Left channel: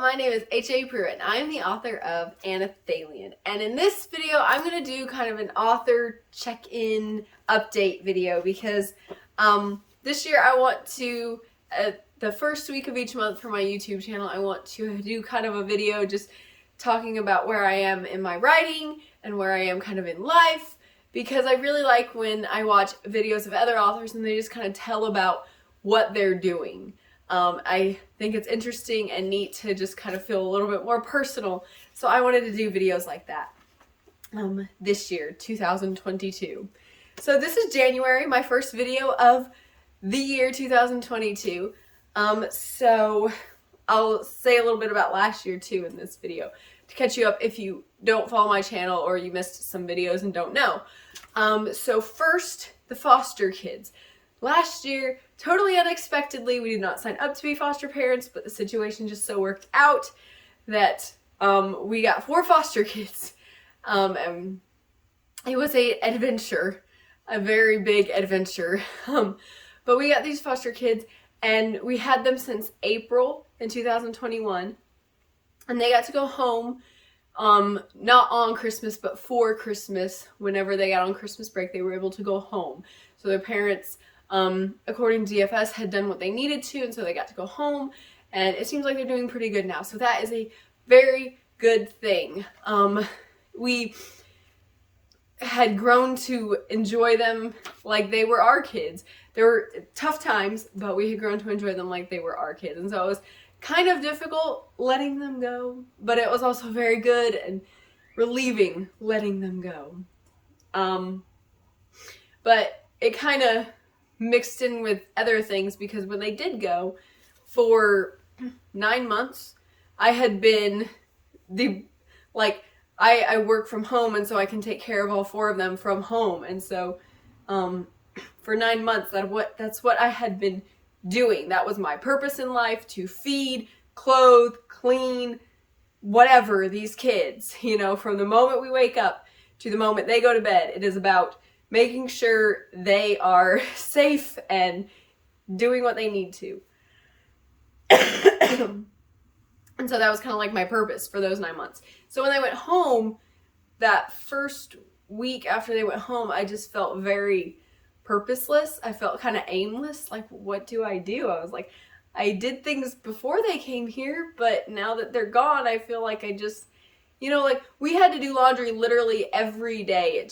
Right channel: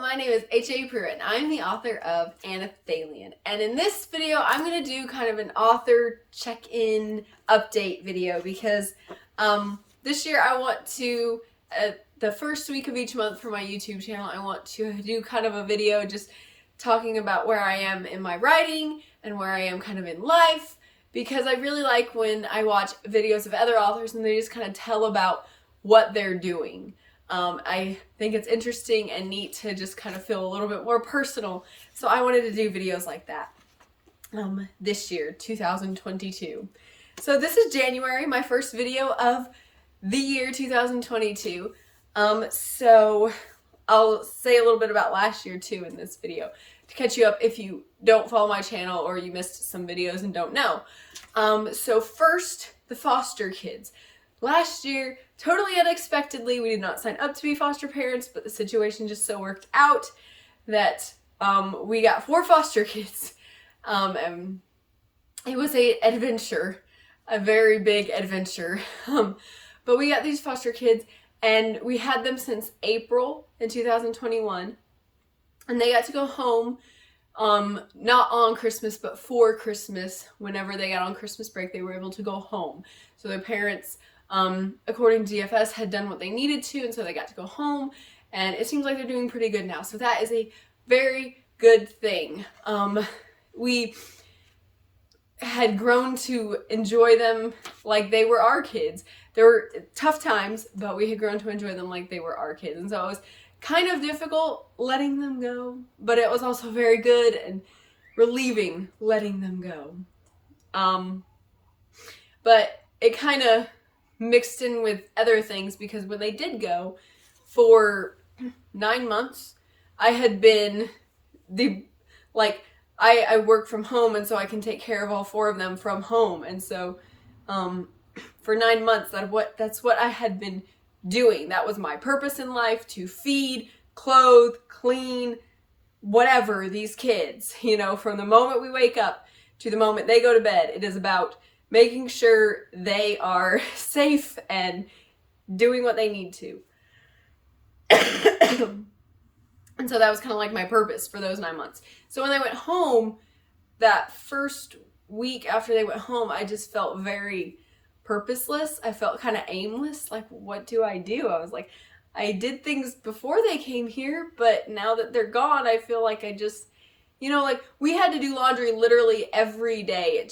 my name is HAPruitt and I'm the author of Anelthalien. And in this video, I'm going to do kind of an author check-in update video because this year I want to, the first week of each month for my YouTube channel, I want to do kind of a video just talking about where I am in my writing and where I am kind of in life, because I really like when I watch videos of other authors and they just kind of tell about what they're doing. I think it's interesting and neat to just kind of feel a little bit more personal. So I wanted to do videos like that this year, 2022. So this is January, my first video of the year 2022. So I'll say a little bit about last year too in this video to catch you up if you don't follow my channel or you missed some videos and don't know. So first, the foster kids. Last year, totally unexpectedly, we did not sign up to be foster parents, but the situation just so worked out that we got 4 foster kids. And it was an adventure, a very big adventure. But we got these foster kids and we had them since April in 2021. And they got to go home, not on Christmas, but for Christmas. Whenever they got on Christmas break, they were able to go home. So their parents, according to DFS, had done what they needed to, and so they got to go home, and it seems like they're doing pretty good now. So that is a very good thing. We had grown to enjoy them like they were our kids. There were tough times, but we had grown to enjoy them like they were our kids, and so it was kind of difficult letting them go, but it was also very good and relieving letting them go. But it kind of mixed in with other things, because when they did go for 9 months, I had been I work from home, and so I can take care of all 4 of them from home. And so for 9 months, that's what I had been doing. That was my purpose in life, to feed, clothe, clean, whatever these kids, you know, from the moment we wake up to the moment they go to bed. It is about making sure they are safe and doing what they need to. And so that was kind of like my purpose for those 9 months. So when they went home, that first week after they went home, I just felt very purposeless. I felt kind of aimless. Like, what do? I was like, I did things before they came here, but now that they're gone, I feel like I just, you know, like we had to do laundry literally every day.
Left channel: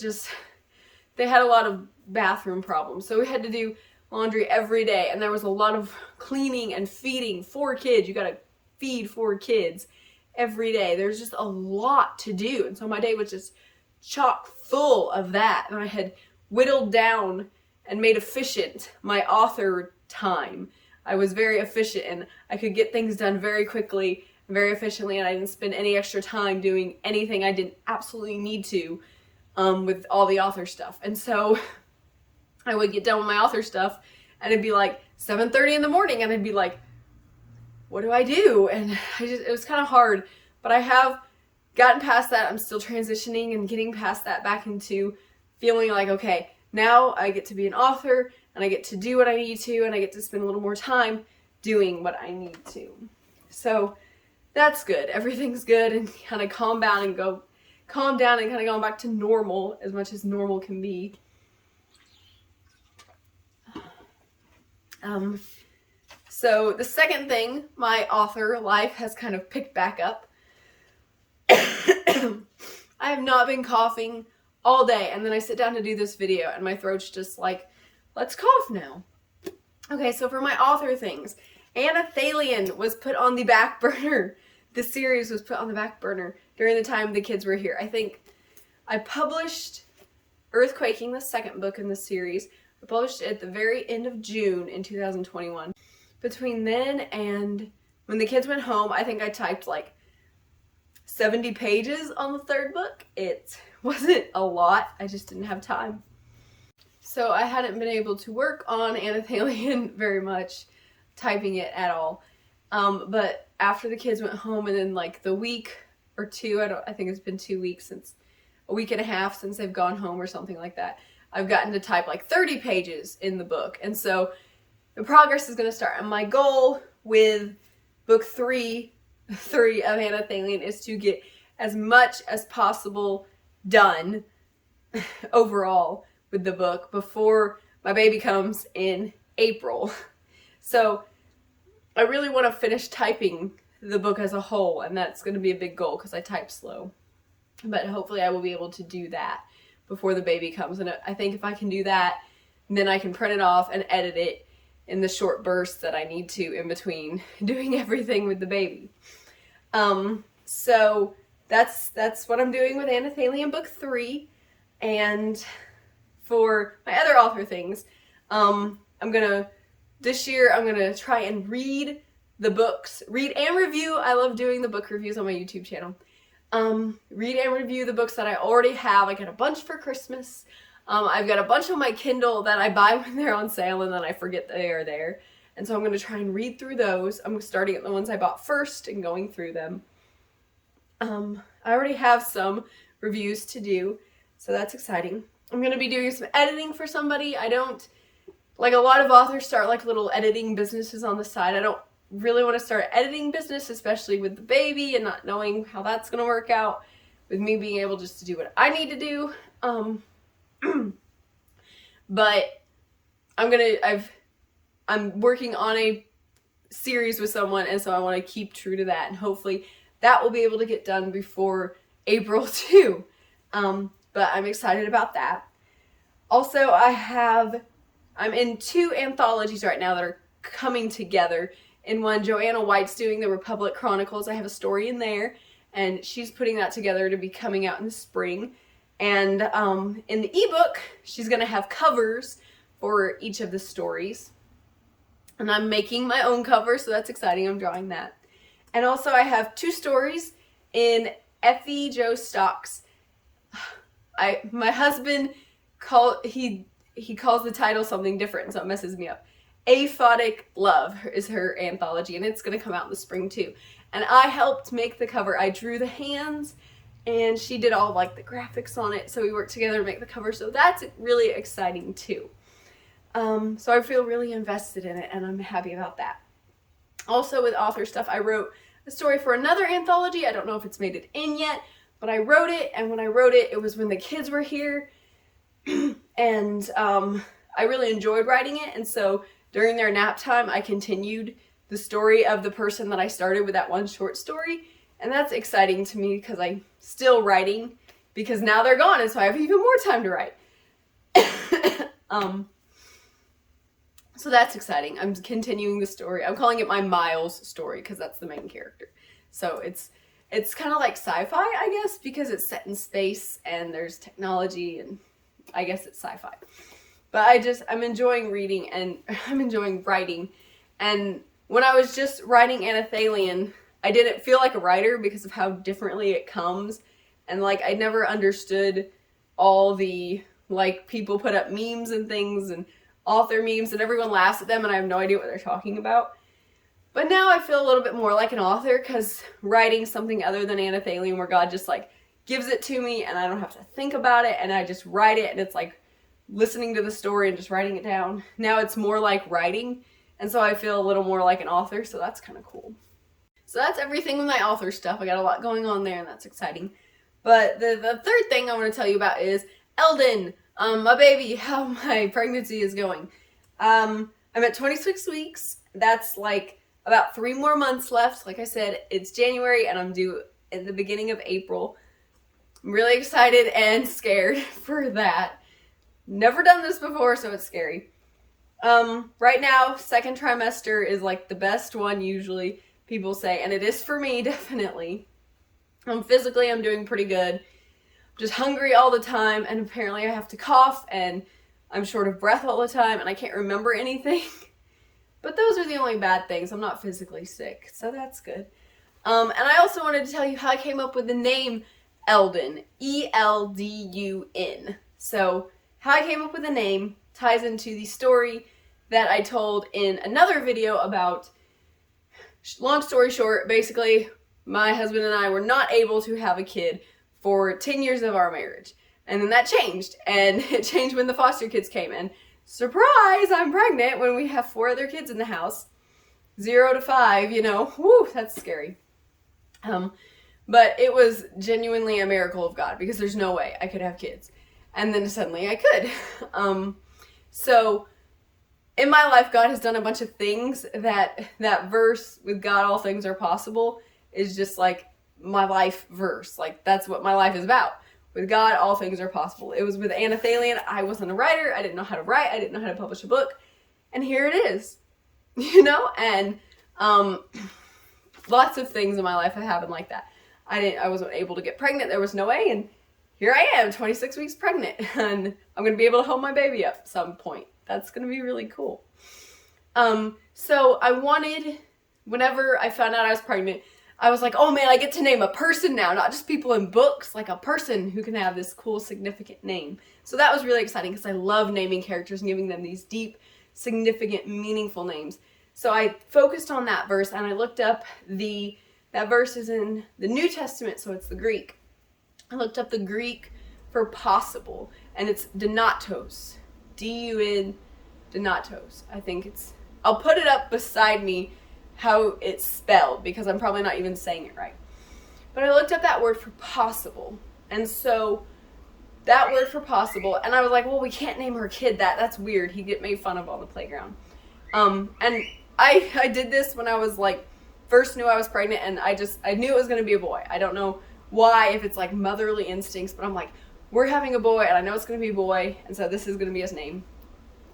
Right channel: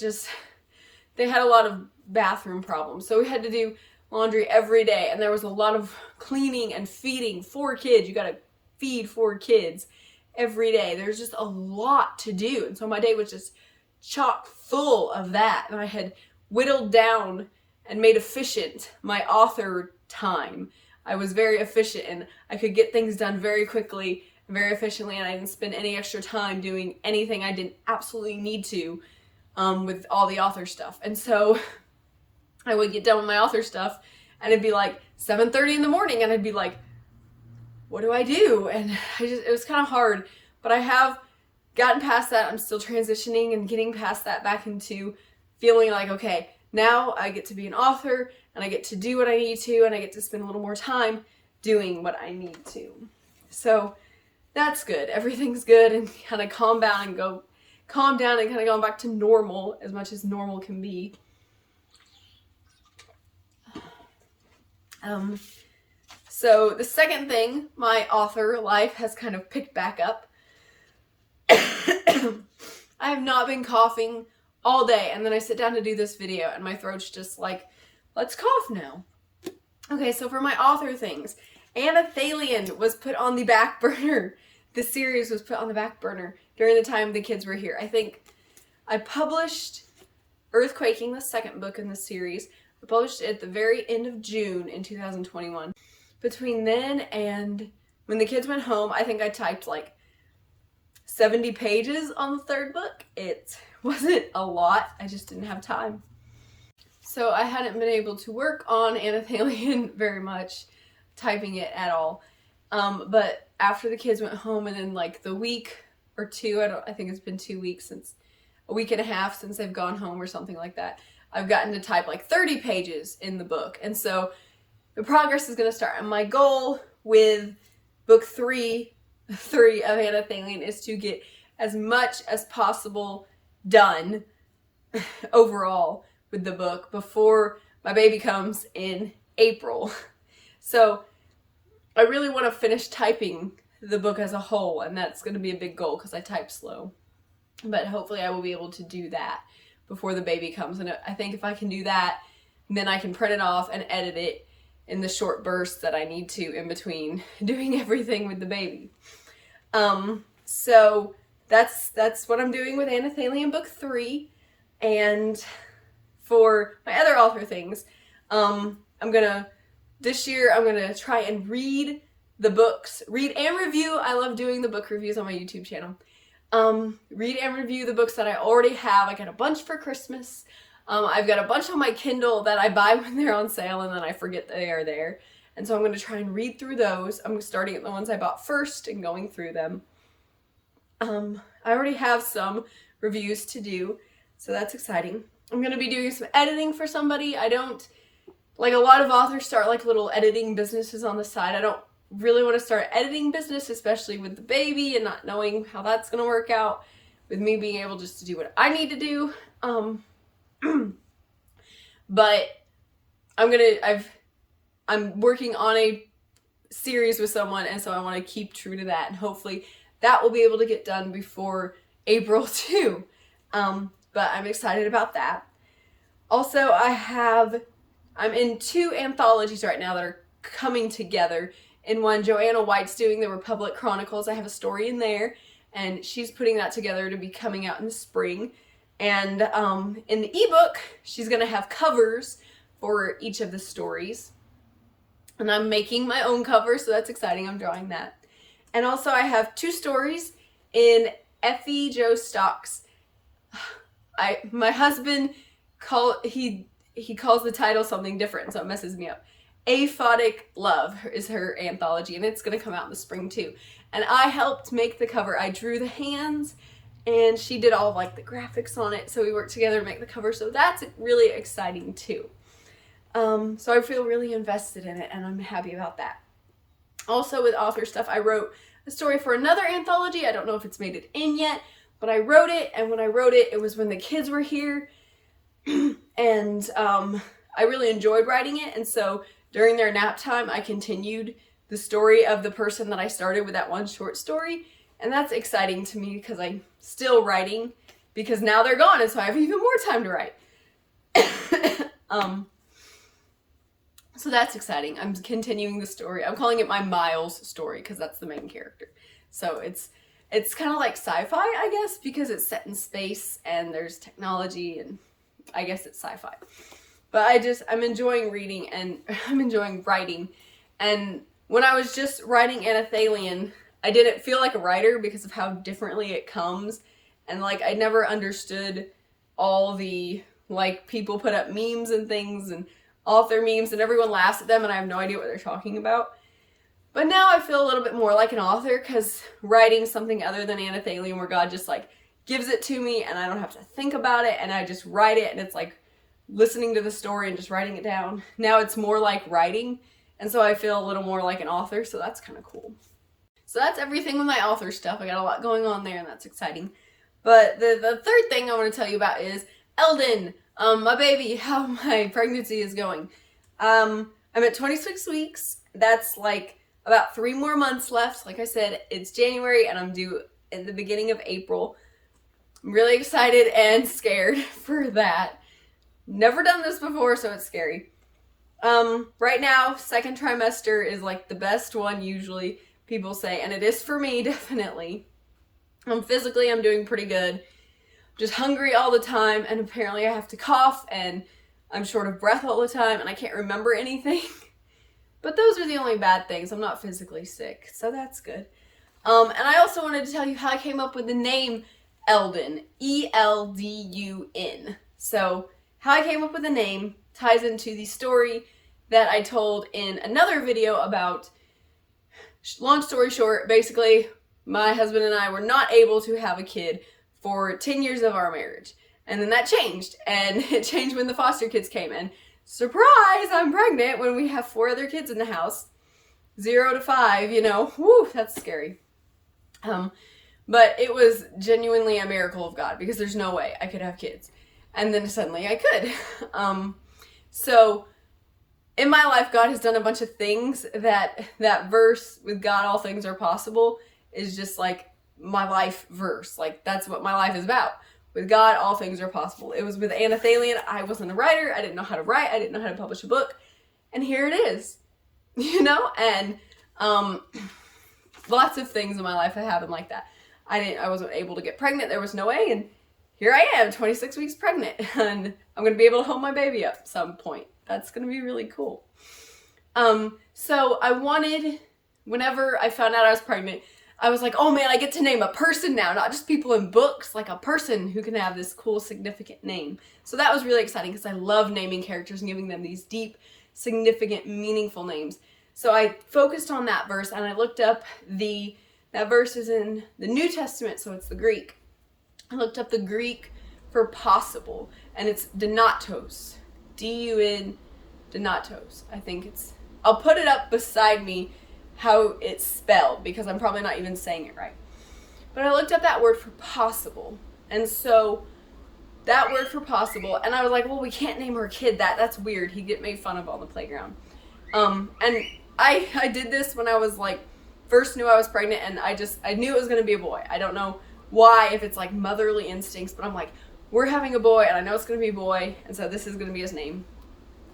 They had a lot of bathroom problems, so we had to do laundry every day, and there was a lot of cleaning and feeding 4 kids. You gotta feed 4 kids every day. There's just a lot to do, and so my day was just chock full of that, and I had whittled down and made efficient my author time. I was very efficient, and I could get things done very quickly and very efficiently, and I didn't spend any extra time doing anything I didn't absolutely need to with all the author stuff. And so I would get done with my author stuff, and it'd be like 7:30 in the morning, and I'd be like, what do I do? And it was kind of hard, but I have gotten past that. I'm still transitioning and getting past that back into feeling like, okay, now I get to be an author, and I get to do what I need to, and I get to spend a little more time doing what I need to. So that's good. Everything's good, and kind of calm down and kind of going back to normal as much as normal can be. So the second thing, my author life has kind of picked back up. I have not been coughing all day, and then I sit down to do this video and my throat's just like, let's cough now. Okay, so for my author things, Anelthalien was put on the back burner. The series was put on the back burner during the time the kids were here. I think I published Earthquaking, the second book in the series. I published it at the very end of June in 2021. Between then and when the kids went home, I think I typed like 70 pages on the 3rd book. It wasn't a lot. I just didn't have time. So I hadn't been able to work on Anelthalien very much, typing it at all. But after the kids went home, and then like the week or 2, I think it's been 2 weeks, a week and a half since they've gone home or something like that, I've gotten to type like 30 pages in the book. And so the progress is going to start. And my goal with book 3 3 of Anelthalien is to get as much as possible done overall with the book before my baby comes in April. So I really want to finish typing the book as a whole, and that's going to be a big goal because I type slow. But hopefully I will be able to do that before the baby comes. And I think if I can do that, then I can print it off and edit it in the short bursts that I need to in between doing everything with the baby. So that's what I'm doing with Anelthalien book 3. And for my other author things, this year I'm gonna try and read the books, read and review. I love doing the book reviews on my YouTube channel. Read and review the books that I already have. I got a bunch for Christmas. I've got a bunch on my Kindle that I buy when they're on sale and then I forget they are there. And so I'm going to try and read through those. I'm starting at the ones I bought first and going through them. I already have some reviews to do, so that's exciting. I'm going to be doing some editing for somebody. I don't, like a lot of authors start like little editing businesses on the side. I don't really want to start an editing business, especially with the baby and not knowing how that's going to work out, with me being able just to do what I need to do. But I'm working on a series with someone, and so I want to keep true to that, and hopefully that will be able to get done before April too. But I'm excited about that. Also, I'm in 2 anthologies right now that are coming together. In one, Joanna White's doing the Republic Chronicles. I have a story in there, and she's putting that together to be coming out in the spring. And in the ebook, she's going to have covers for each of the stories. And I'm making my own cover, so that's exciting. I'm drawing that. And also I have 2 stories in Effie Joe Stock's. My husband he calls the title something different, so it messes me up. Aphotic Love is her anthology, and it's going to come out in the spring too. And I helped make the cover. I drew the hands, and she did all like the graphics on it, so we worked together to make the cover, so that's really exciting too. So I feel really invested in it, and I'm happy about that. Also with author stuff, I wrote a story for another anthology. I don't know if it's made it in yet, but I wrote it, and when I wrote it, it was when the kids were here, and I really enjoyed writing it, and so during their nap time, I continued the story of the person that I started with that one short story, and that's exciting to me because I'm still writing, because now they're gone, and so I have even more time to write. So that's exciting. I'm continuing the story. I'm calling it my Miles story because that's the main character. So it's kind of like sci-fi, I guess, because it's set in space and there's technology, and I guess it's sci-fi. But I'm enjoying reading, and I'm enjoying writing. And when I was just writing Anelthalien, I didn't feel like a writer because of how differently it comes. And like, I never understood all the, like, people put up memes and things and author memes and everyone laughs at them and I have no idea what they're talking about. But now I feel a little bit more like an author because writing something other than Anelthalien, where God just like gives it to me and I don't have to think about it and I just write it, and it's like listening to the story and just writing it down. Now it's more like writing, and so I feel a little more like an author, so that's kind of cool. So that's everything with my author stuff. I got a lot going on there, and that's exciting. But the third thing I want to tell you about is Eldon, my baby, how my pregnancy is going. I'm at 26 weeks. That's like about 3 more months left. Like I said, it's January and I'm due in the beginning of April. I'm really excited and scared for that. Never done this before, so it's scary. Right now, 2nd trimester is like the best one usually, people say, and it is for me, definitely. Physically, I'm doing pretty good. Just hungry all the time, and apparently I have to cough, and I'm short of breath all the time, and I can't remember anything. But those are the only bad things. I'm not physically sick, so that's good. And I also wanted to tell you how I came up with the name Eldon, E-L-D-U-N. So how I came up with the name ties into the story that I told in another video about, long story short, basically my husband and I were not able to have a kid for 10 years of our marriage. And then that changed, and it changed when the foster kids came in. Surprise, I'm pregnant when we have 4 other kids in the house. 0 to 5, you know, whoo, that's scary. But it was genuinely a miracle of God, because there's no way I could have kids. And then suddenly I could. So in my life, God has done a bunch of things that verse, with God all things are possible, is just like my life verse. Like, that's what my life is about. With God, all things are possible. It was with Anelthalien. I wasn't a writer. I didn't know how to write. I didn't know how to publish a book. And here it is, you know? And lots of things in my life have happened like that. I wasn't able to get pregnant. There was no way. And here I am, 26 weeks pregnant. And I'm going to be able to hold my baby up at some point. That's going to be really cool. So I wanted, whenever I found out I was pregnant, I was like, oh man, I get to name a person now, not just people in books, like a person who can have this cool, significant name. So that was really exciting, because I love naming characters and giving them these deep, significant, meaningful names. So I focused on that verse, and I looked up that verse is in the New Testament, so it's the Greek. I looked up the Greek for possible, and it's Donatos. D-U-N, Donatos. I think it's, I'll put it up beside me how it's spelled, because I'm probably not even saying it right. But I looked up that word for possible. And so that word for possible, and I was like, well, we can't name our kid that. That's weird. He'd get made fun of on the playground. And I did this when I was like, first knew I was pregnant, and I knew it was going to be a boy. I don't know why, if it's like motherly instincts, but I'm like, we're having a boy, and I know it's going to be a boy, and so this is going to be his name.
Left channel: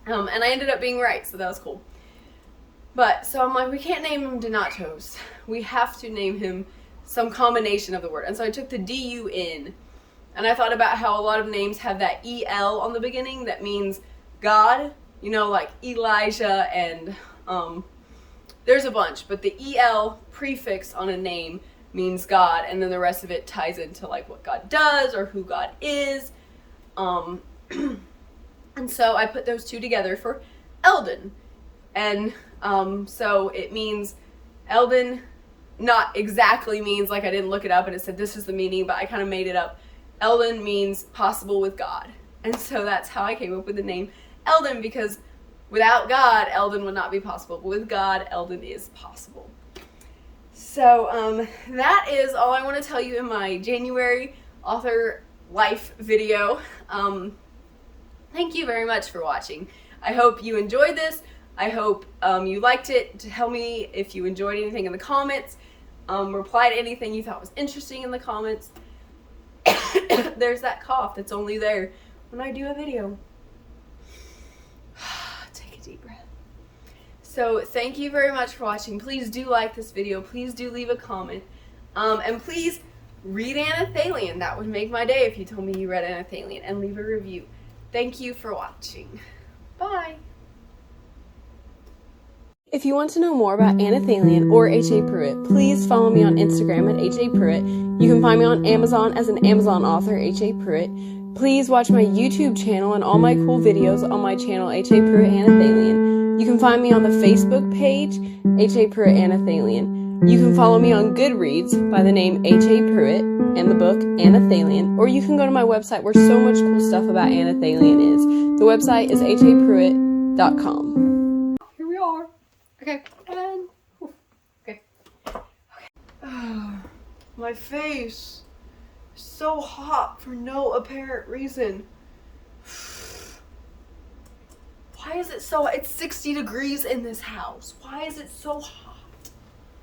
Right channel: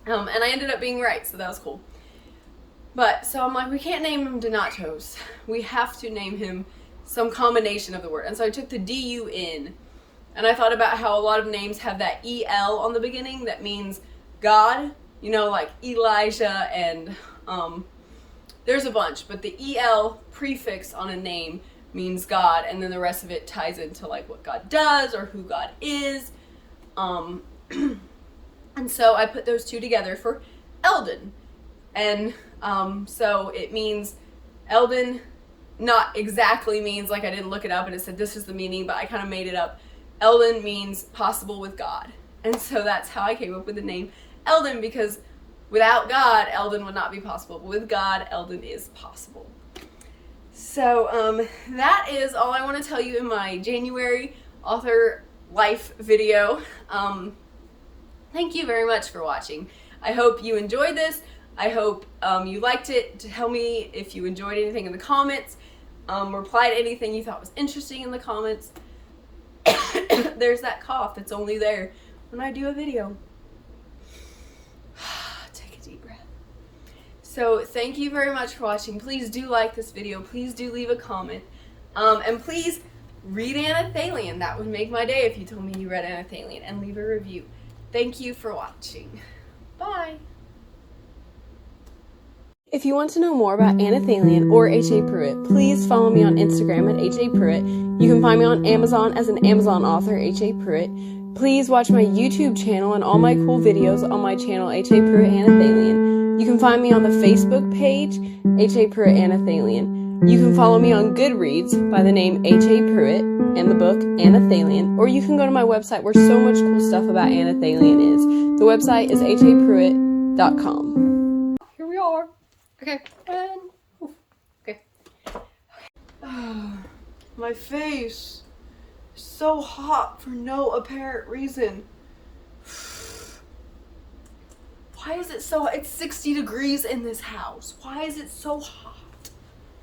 And I ended up being right, so that was cool. But, so I'm like, we can't name him Donatos. We have to name him some combination of the word. And so I took the D-U-N, and I thought about how a lot of names have that E-L on the beginning that means God, you know, like Elijah, and there's a bunch, but the E-L prefix on a name means God, and then the rest of it ties into like what God does or who God is. And so I put those two together for Eldon. And so it means, Eldon not exactly means, like I didn't look it up and it said this is the meaning, but I kind of made it up. Eldon means possible with God. And so that's how I came up with the name Eldon, because without God, Eldon would not be possible. But with God, Eldon is possible. So that is all I want to tell you in my January author life video. Thank you very much for watching. I hope you enjoyed this. I hope you liked it. Tell me if you enjoyed anything in the comments. Reply to anything you thought was interesting in the comments. There's that cough that's only there when I do a video. Take a deep breath. So thank you very much for watching. Please do like this video. Please do leave a comment. And please read Anelthalien. That would make my day if you told me you read Anelthalien, and leave a review. Thank you for watching. Bye. If you want to know more about Anelthalien or HAPruitt, please follow me on Instagram at HAPruitt. You can find me on Amazon as an Amazon author, HAPruitt. Please watch my YouTube channel and all my cool videos on my channel, HAPruitt Anelthalien. You can find me on the Facebook page, HAPruitt Anelthalien. You can follow me on Goodreads by the name HAPruitt and the book Anelthalien, or you can go to my website where so much cool stuff about Anelthalien is. The website is HAPruitt.com. Here we are. Okay, and okay. My face is so hot for no apparent reason. Why is it so? It's 60 degrees in this house. Why is it so hot?